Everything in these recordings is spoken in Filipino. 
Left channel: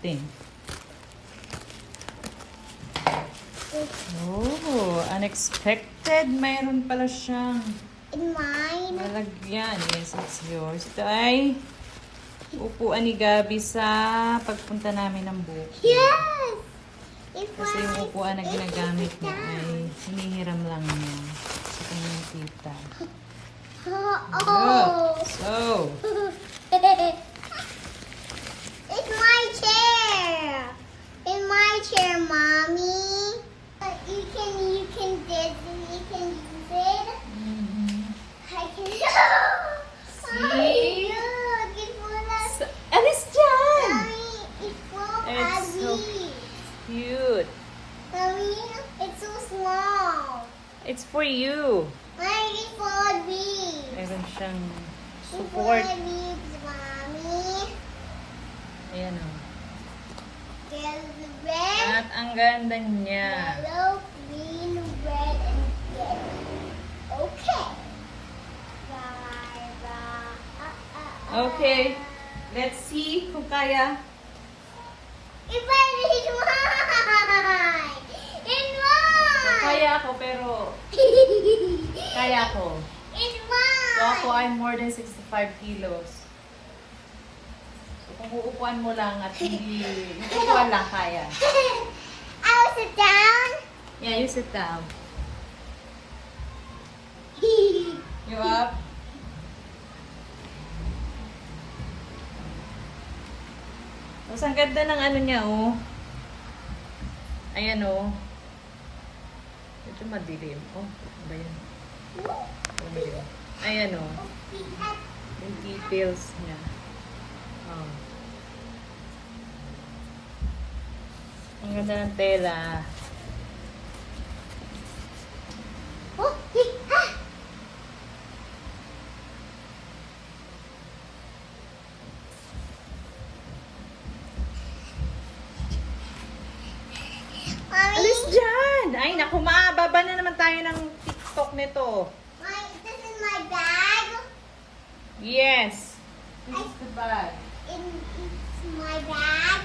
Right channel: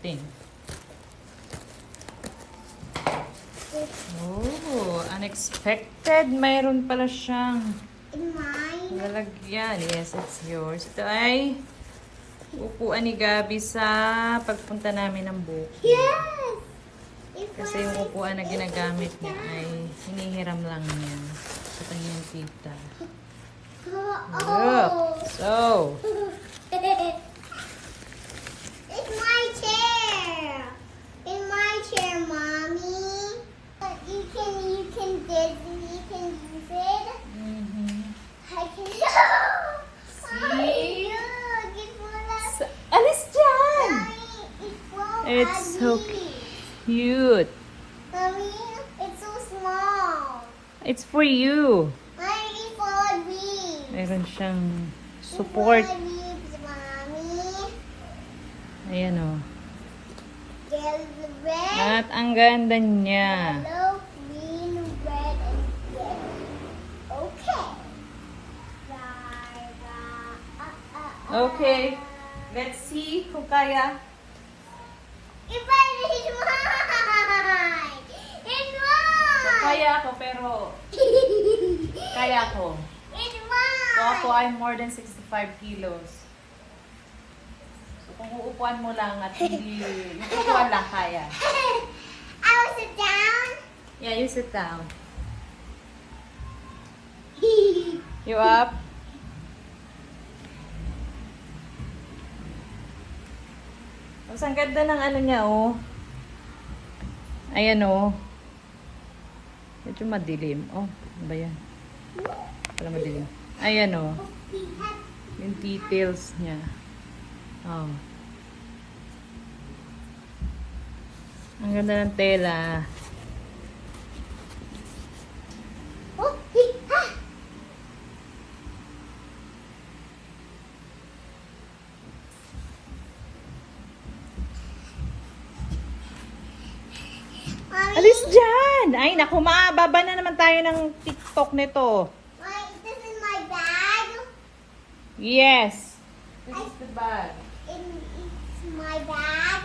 thing. Oh, unexpected. Mayroon pala siyang In mine. lalagyan. Yes, it's yours. Ito ay upuan ni Gabi sa pagpunta namin ng bukid. Yes! It's Kasi yung upuan na ginagamit niya ay hinihiram lang niya sa kanyang tita. Oh. So, It's my chair. In my chair, mommy. You can use it. I can. See? Look, it's full of. alis dyan! Mommy, it's full of It's so Abby. cute. Mommy, it's so small. It's for you. Mommy, it's full of leaves. Meron siyang It's full support. of leaves, mommy. Ayan o. There's red, At ang ganda niya. yellow, green, red, and yellow. Okay. Okay. Let's see kung kaya. It's mine. It's So, mine. kaya ako pero kaya ko. It's mine. So ako ay more than 65 kilos. So kung uupuan mo lang at hindi, yung upuan lang kaya. I will sit down. Yeah, you sit down. You up? Tapos ang ganda ng ano niya, oh. Ayan, oh. Ito madilim. Oh, ano ba yan? Wala madilim. Ayan, oh. Yung details niya. Oh. Ang ganda ng tela. Oh, ha. Mommy, Alis dyan! Ay, naku, baba na naman tayo ng TikTok nito. this is my bag. Yes. This is the bag. It's my bag.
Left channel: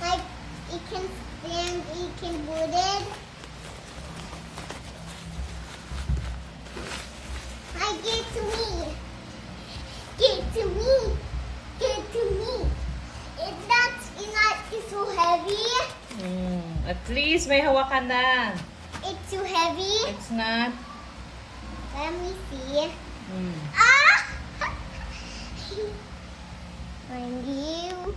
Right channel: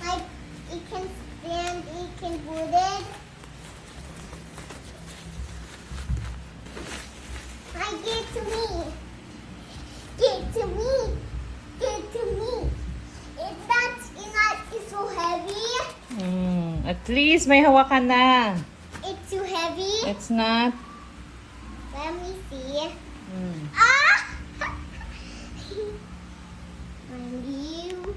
Like it can stand, it can boot it. I give it to me. Give it to me. Give it to me. It's so heavy. At least may hawakan na. It's too heavy. It's not. Let me see. Mm. Ah! Thank you.